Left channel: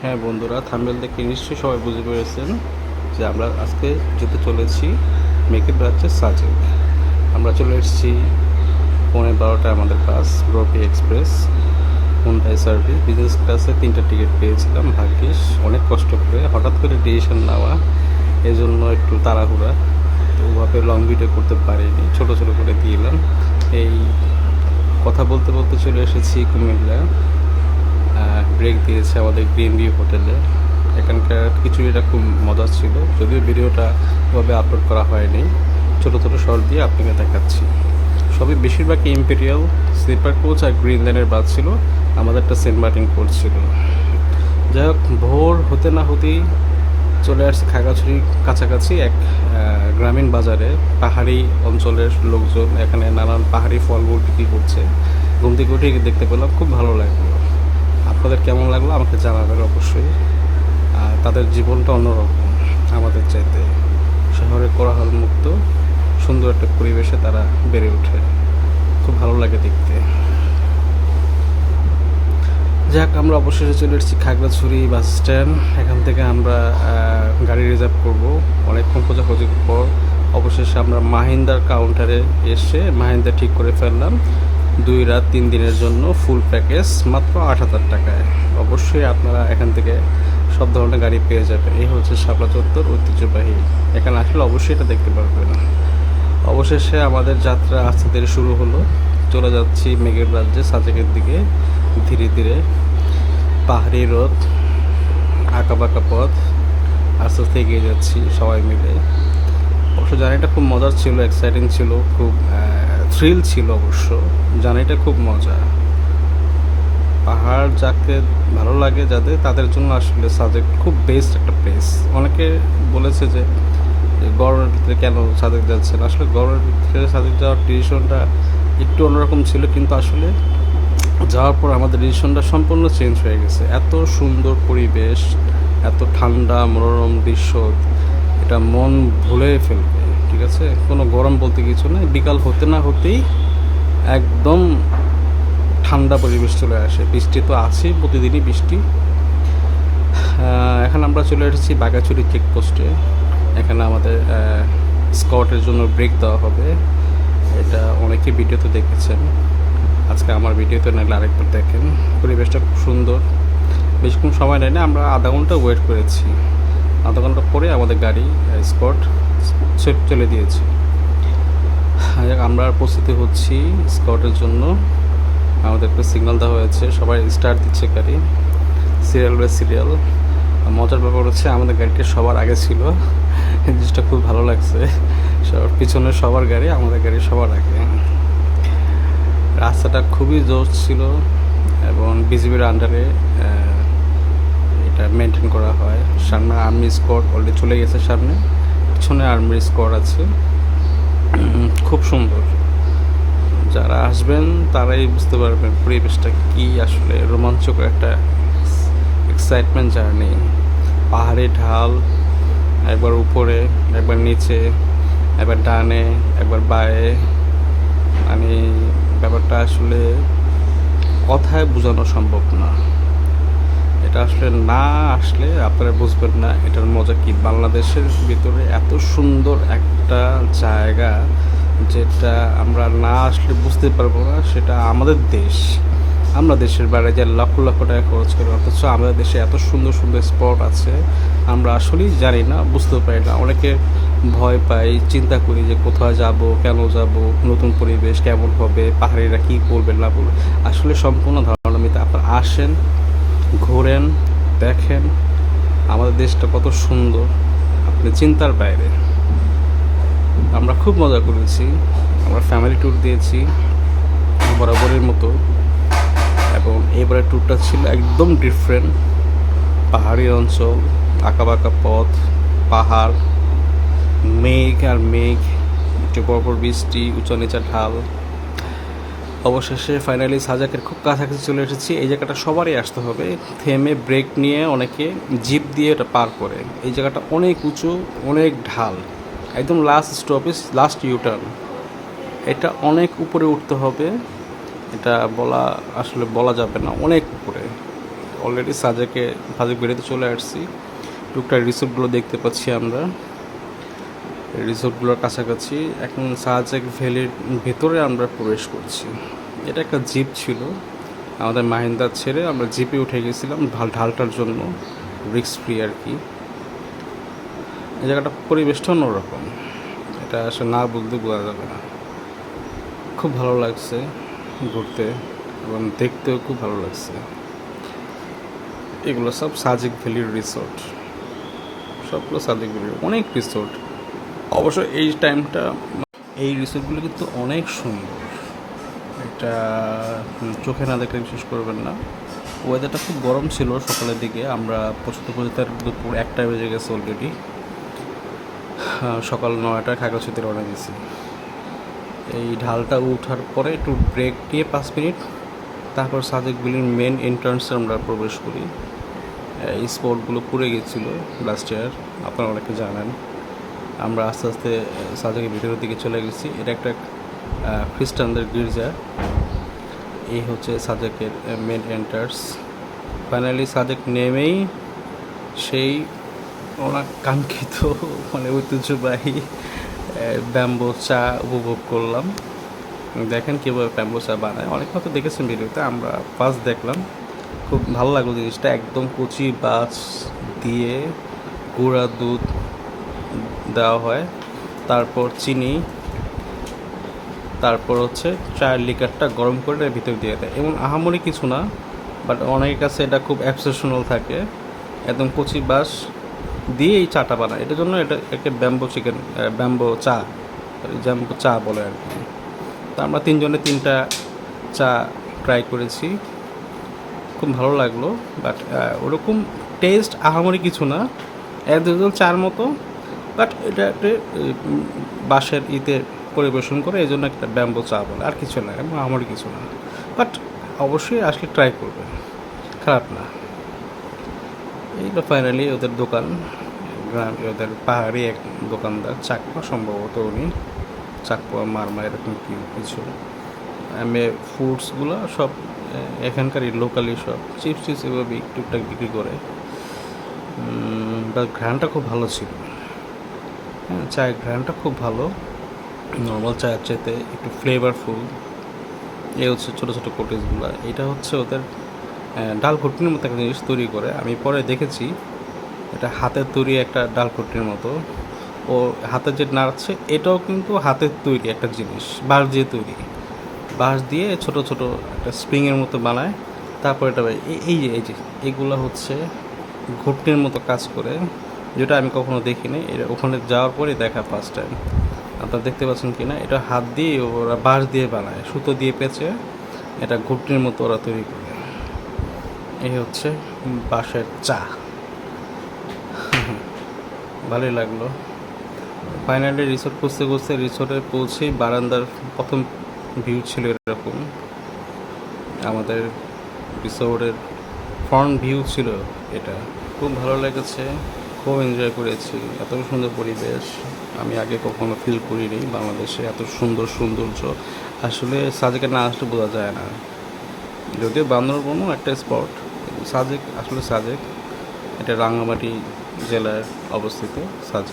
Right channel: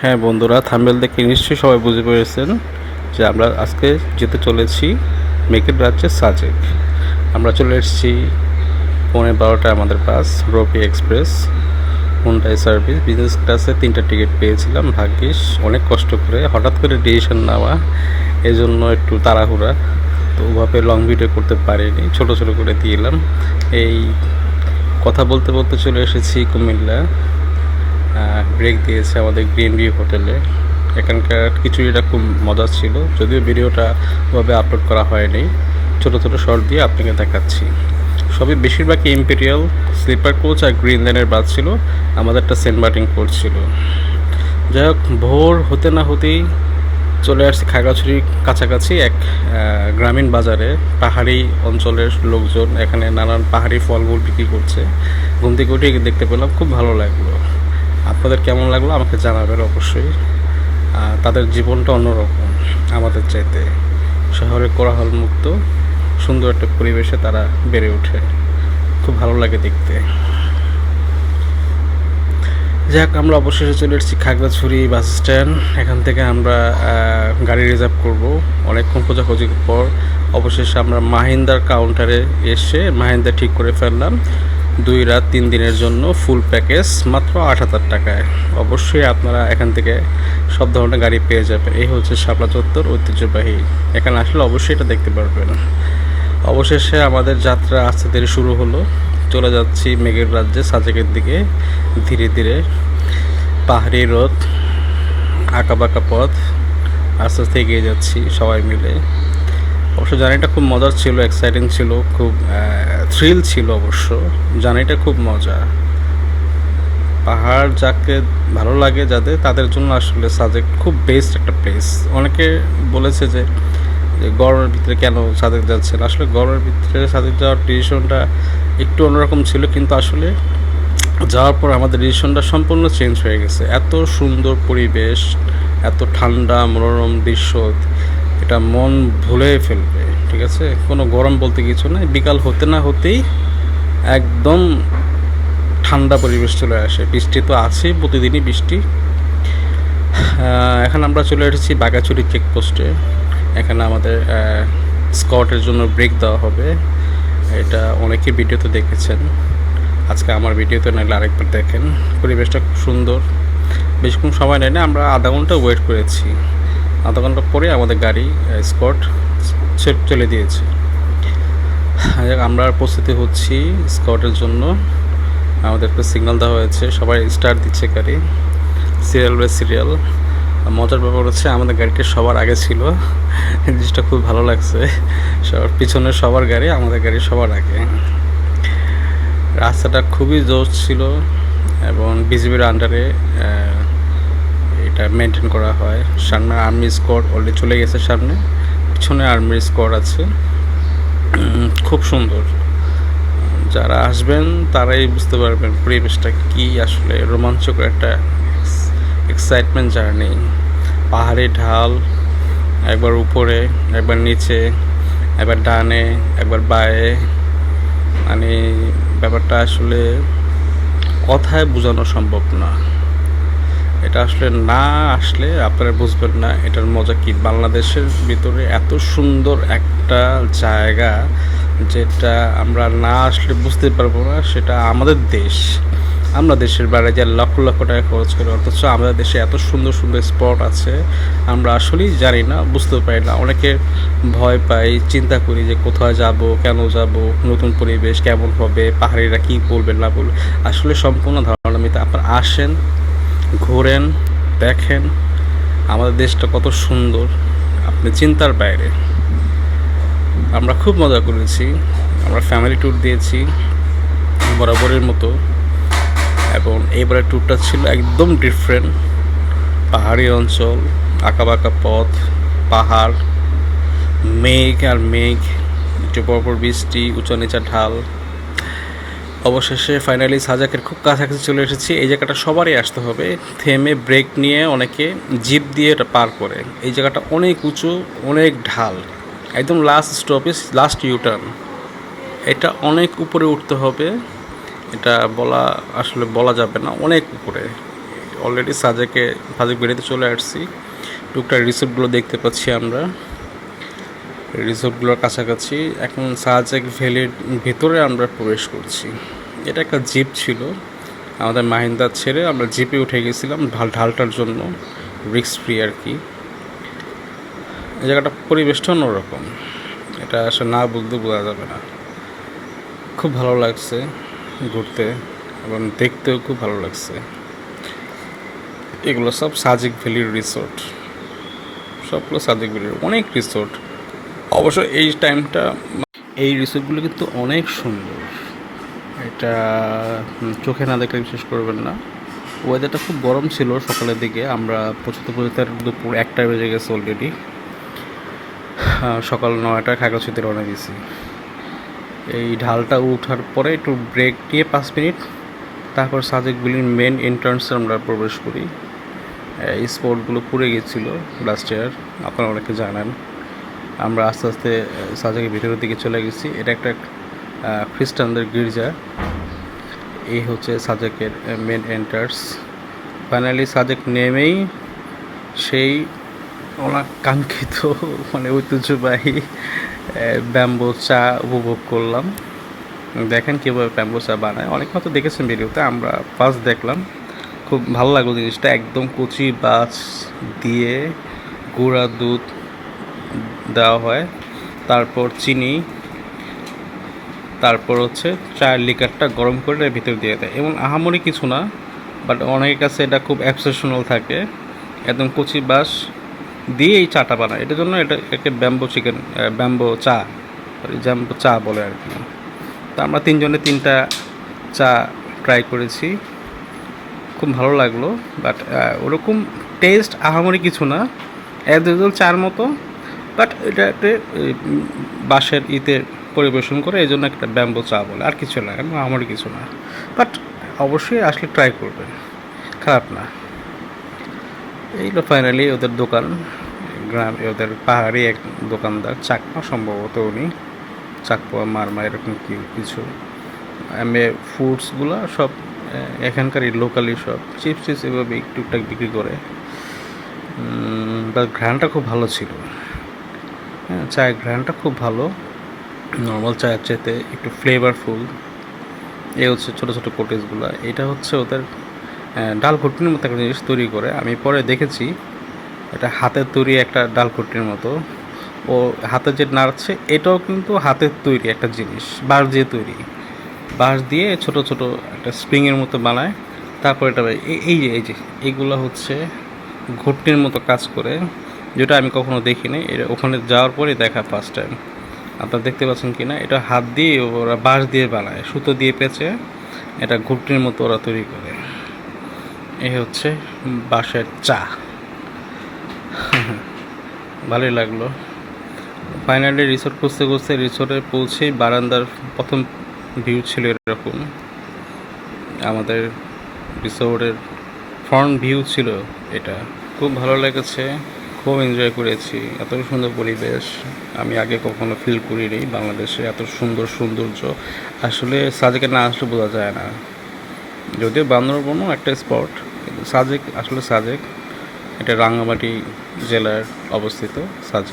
হ্যাঁ বন্ধুরা, থাম্বেল দেখে নিশ্চয়ই সবাই বুঝে পেরেছেন যে আমরা আজকে যেতে চলেছি মেকের রাজ্যের সাজেক। আমরা চলে এসেছি পৌনে বারোটায় আমাদের bus Rabi Express, Hyundai service. Business ক্লাসে তিনটা টিকিট পেয়েছিলাম, ভাগ্যিস। অনেক কষ্ট করে, হঠাৎ করে ডিসিশন নেওয়া এই জন্য একটু তাড়াহুড়া। তো ওভাবে লং ভিডিও করতে পারিনি, ছোট ছোট করে দিলাম। এই কথা বলতে বলতে চলে এসেছি কুমিল্লা। ব্রেক দিয়েছে আমাদের গ্রিন ভিউ হোটেলে এখানকার খিচুড়িটা খুব মজার ছিল, যদিও ভিডিওটা ওভাবে আপলোড করা হয়নি। ছোটো ছোটো শর্ট দিয়ে আপনাকে দেখাচ্ছি। সবই বেশিরভাগই ইম্পেরিয়াল স্লিপার কোচ আর গ্রিন লাইনের বাস ছিল, আমাদেরটা সেন্ট মার্টিন কোচ ছিল। যাই হোক, ভোর হতে না হতেই চলে আসছি খাগড়াছড়ির কাছাকাছি এক গ্রামীণ বাজারে। পাহাড়ি অঞ্চলের লোকজন এখানে নানান পাহাড়ি ফলমূল বিক্রি করছে। ঘুম থেকে উঠে দেখতে পেলাম, খুব ভালো লাগল। আপনাদের কেমন লাগল আমাকে জানাবেন অবশ্যই। তাদের জীবনটা অন্যরকম, আমাদের চাইতে। শহরে কোলাহল মুক্ত, সুন্দর একটা পরিবেশে তারা বেড়ে ওঠে। খুব ভালো লাগে দেখতে। যাক, আমরা অবশেষে চলে এসেছি খাগড়াছড়ি বাস স্ট্যান্ড। এখান থেকে আমরা গাড়ি রিজার্ভ করব। অনেকক্ষণ খোঁজাখুঁজির পর অবশেষে আমরা মাহিন্দার কাউন্টারে এসে মাহিন্দা ঠিক করে ফেললাম। দুই রাত তিন দিনের জন্য ফুল প্যাকেজ মাত্র আট হাজার টাকায়। অবশ্যই আপনারা এখান থেকে সব ধরনের গাড়ি পেয়ে যাবেন। এই হচ্ছে শাপলা চত্বর ঐতিহ্যবাহী। এখানে আসলে অবশ্যই এটা দেখতে পারবেন। অবশেষে আমাদের যাত্রা আস্তে ধীরে শুরু হলো। চলে যাচ্ছি মেঘের রাজ্যে সাজেকের দিকে। ধীরে ধীরে পাহাড়ি রোদ, আঁকাবাঁকা পথ, আস্তে আস্তে এগিয়ে যাচ্ছি সবাই মিলে। অবশ্য জার্নিটা খুব মজার ছিল এক্সাইটিং ছিল, খুব থ্রিল ছিল অবশ্য। জার্নিটা খুব মজা। পাহাড় যাকে ভালো লাগে যাদের, তাদের জন্য আসলে সাজেক খুব বেস্ট একটা প্লেস অনেকে বলেছে যে গরমের ভিতরে কেন সাজেক যাচ্ছেন? আসলে গরমের ভিতরে সাজেক যাওয়ার ডিসিশনটা একটু অন্যরকম ছিল, কিন্তু আসলে যাওয়ার পর আমাদের ডিসিশনটা সম্পূর্ণ চেঞ্জ হয়ে গেছে। এত সুন্দর পরিবেশ, এত ঠান্ডা, মনোরম দৃশ্য, এটা মন ভুলে ফেলবে। ঠিক আছে? কোনো গরম বলতে কিছু নাই। বিকাল হতে না হতেই একদম ঠান্ডা পরিবেশ চলে আসে। বৃষ্টি তো আছেই, প্রতিদিনই বৃষ্টি। এখন আমরা চলে এসেছি বাগাচুরি চেকপোস্টে এখানে আমাদের স্কটের জন্য ব্রেক দেওয়া হবে। এটা অনেকে ভিডিওতে দেখেছেন। আজকে আমার ভিডিওতে নাহলে আরেকবার দেখেন। পরিবেশটা খুব সুন্দর। বেশিক্ষণ সময় নেয় না, আমরা আধা ঘণ্টা ওয়েট করেছি। আধা ঘণ্টা পরে আমাদের গাড়ি স্কট চলে দিয়েছে। যাক, আমরা প্রস্তুতি হচ্ছি স্কটের জন্য। আমাদের একটা সিগন্যাল দেওয়া হয়েছে সবাই স্টার দিচ্ছে গাড়ি। Serial by serial. মজার ব্যাপার হচ্ছে আমাদের গাড়িটা সবার আগে ছিল। জিনিসটা খুব ভালো লাগছে। সবার পিছনে সবার গাড়ি আমাদের গাড়ি সবার আগে। রাস্তাটা খুবই জোর ছিল এবং বিজিবির আন্ডারে এটা মেনটেন করা হয়। সামনে আর্মি স্কোয়াড অলরেডি চলে গেছে সামনে। পিছনে আর্মি স্কোয়াড আছে। খুব সুন্দর। যারা আসবেন, তারাই বুঝতে পারবেন পরিবেশটা কি। আসলে রোমাঞ্চকর একটা এক্সাইটমেন্ট জার্নি পাহাড়ি ঢাল, একবার উপরে, একবার নিচে, একবার ডানে, একবার বায়ে। মানে ব্যাপারটা আসলে কথায় বোঝানো সম্ভব না। এটা আসলে না আসলে আপনারা বুঝবেন না এটার মজা কি। বাংলাদেশের ভিতরে এত সুন্দর একটা জায়গা যেটা আমরা না আসলে বুঝতে পারব না, সেটা আমাদের দেশ। আমরা দেশের বাইরে যে লক্ষ লক্ষ টাকা খরচ করি, অথচ আমাদের দেশে এত সুন্দর সুন্দর স্পট আছে, আমরা আসলেই জানি না বুঝতে পারি না। অনেকে ভয় পাই চিন্তা করি যে কোথায় যাব, কেন যাব, নতুন পরিবেশ কেমন হবে, পাহাড়িরা কী বলবে না বলবে আসলে সম্পূর্ণ ধারণা মিথ্যা। আপনারা আসেন ঘোরেন, দেখেন, আমাদের দেশটা কত সুন্দর, আপনি চিন্তার বাইরে। আমরা খুব মজা করেছি, আমরা ফ্যামিলি ট্যুর দিয়েছি, বরাবরের মতো, এবং এবারের ট্যুরটা ছিল একদম ডিফারেন্ট পাহাড়ি অঞ্চল, আঁকাবাঁকা পথ, পাহাড়, মেঘ আর মেঘ, একটু পরপর বৃষ্টি উঁচা নিচা ঢাল অবশেষে ফাইনালি সাজাকের খুব কাছাকাছি চলে এসেছি। এই জায়গাটা সবারই আসতে হবে। থেমে ব্রেক নিয়ে অনেকে জিপ দিয়ে এটা পার করে। এই জায়গাটা অনেক উঁচু, অনেক ঢাল। একদম লাস্ট স্টপেজ লাস্ট ইউটার্ন এটা অনেক উপরে উঠতে হবে। এটা বলা, আসলে বলা যাবে না, অনেক উপরে। অলরেডি সাজেকে সাজেক বেরিয়ে চলে আসছি। টুকটাক রিসোর্টগুলো দেখতে পাচ্ছি আমরা। রিসোর্টগুলোর কাছাকাছি এখন সাজেক ভ্যালির ভেতরে আমরা প্রবেশ করছি। এটা একটা জিপ ছিল। আমাদের মাহিন্দার ছেড়ে আমরা জিপে উঠে গেছিলাম ঢাল ঢালটার জন্য রিক্স ফ্রি আর কি। এই জায়গাটা পরিবেশটা অন্যরকম। এটা আসলে না বলতে বোঝা যাবে না। খুব ভালো লাগছে ঘুরতে এবং দেখতেও খুব ভালো লাগছে। এগুলো সব সাজিক ভ্যালির রিসোর্ট। সবগুলো সাজিক ভ্যালির অনেক রিসোর্ট। অবশ্য এই টাইমটা, এই রিসোর্টগুলো কিন্তু অনেক সুন্দর। এটা চোখে না দেখলে বিশ্বাস করবেন না। ওয়েদারটা খুব গরম ছিল সকালের দিকে। আমরা পৌঁছতে পৌঁছতে দুপুর একটা বেজে গেছে অলরেডি সকাল নয়টা খাগড়াছড়িতে রওনা দিয়েছি। এই ঢালটা ওঠার পরে একটু ব্রেক দিয়ে পাঁচ মিনিট, তারপর সাজেকগুলির মেন এন্ট্রান্সে আমরা প্রবেশ করি। এই স্পটগুলো পুড়ে গেছিল লাস্ট ইয়ার আপনারা অনেকে জানেন। আমরা আস্তে আস্তে সাজেকের ভিতরের দিকে চলে গেছি। এটা একটা খ্রিস্টানদের গির্জা। এই হচ্ছে সাজেকের মেন এন্টার্স ফাইনালি সাজেক নেমেই সেই ওনার কাঙ্ক্ষিত মানে ঐতিহ্যবাহী ব্যাম্বো চা উপভোগ করলাম। দেখেন কীভাবে ব্যাম্বো চা বানায়। অনেক হয়তো দেখেছেন ভিডিওতে, আমরা ফার্স্ট দেখলাম। খুব ভালো লাগল জিনিসটা। একদম কচি বাছ দিয়ে গুঁড়া দুধ দেওয়া হয়। তারপর চিনি তারপর হচ্ছে চায়ের লিকারটা গরম করে এর ভিতর দিয়ে দেয়। এবং আহামরি কিছু না বাট অনেকের কাছে এটা খুব অ্যাবসেশনাল থাকে। একদম কচি বাস দিয়ে এই চাটা বানায়। এটার জন্য এটা একটা ব্যাম্বো চিকেন ব্যাম্বো চা ব্যাম্বো চা বলে আর কি। তো আমরা তিনজনে তিনটা চা ট্রাই করেছি। খুব ভালো লাগল বাট ওরকম টেস্ট আহামরি কিছু না। এক দুজন চার মতো বাট এটা একটা বাঁশের ইতে পরিবেশন করে এই জন্য একটা ব্যাম্বো চা বলে। আর কিছু না এবং আহামরি কিছু না। বাট অবশ্যই আসলে ট্রাই করবেন। খারাপ না। এইগুলো ফাইনালি ওদের দোকান, গ্রাম, ওদের পাহাড়ি এক দোকানদার, চাকমা সম্ভবত উনি। চাকপা মারমা, এরকম কিছু। এমএ ফুডসগুলো সব এখানকারই লোকালি সব। চিপস টিপস এভাবে টুকটাক বিক্রি করে। বাট ঘ্রানটা খুব ভালো ছিল। হ্যাঁ চায়ের ঘ্রানটা খুব ভালো। নর্মাল চায়ের চাইতে একটু ফ্লেভারফুল এ হচ্ছে ছোটো ছোটো কোটেজগুলো এটা হচ্ছে ওদের ডাল ঘুটনির মতো একটা জিনিস তৈরি করে। আমি পরে দেখেছি, এটা হাতের তৈরি একটা ডাল ঘুটনির মতো। ও হাতে যে নাড়ছে, এটাও কিন্তু হাতের তৈরি একটা জিনিস, বাঁশ দিয়ে তৈরি। বাঁশ দিয়ে ছোট ছোট একটা স্প্রিংয়ের মতো বানায়। তারপর এটা এই- যে, এই যে, এগুলো হচ্ছে ঘুটনির মতো কাজ করে, যেটা আমি কখনো দেখিনি। এটা ওখানে যাওয়ার পরে দেখা ফার্স্ট টাইম আপনারা দেখতে পাচ্ছেন কি না এটা হাত দিয়ে ওরা বাঁশ দিয়ে বানায়, সুতো দিয়ে পেঁচে এটা ঘুটনির মতো ওরা তৈরি করে। এই হচ্ছে বাঁশের চা। ভালোই লাগল। ফাইনালি রিসোর্ট খুঁজতে খুঁজতে রিসোর্টে পৌঁছেই বারান্দার প্রথম ভিউ ছিল এরকম। আমাদের রিসোর্টের ফ্রন্ট ভিউ ছিল এটা। খুব ভালো লেগেছে। খুব এনজয় করেছি। এত সুন্দর পরিবেশ আমি আগে কখনো ফিল করিনি বাংলাদেশে, এত সুন্দর সৌন্দর্য। আসলে সাজেকে না আসলে বোঝা যায় না। যদিও বান্দরবনও একটা স্পট সাজেক, আসলে সাজেক, এটা রাঙ্গামাটি জেলার অবস্থিত সাজেক।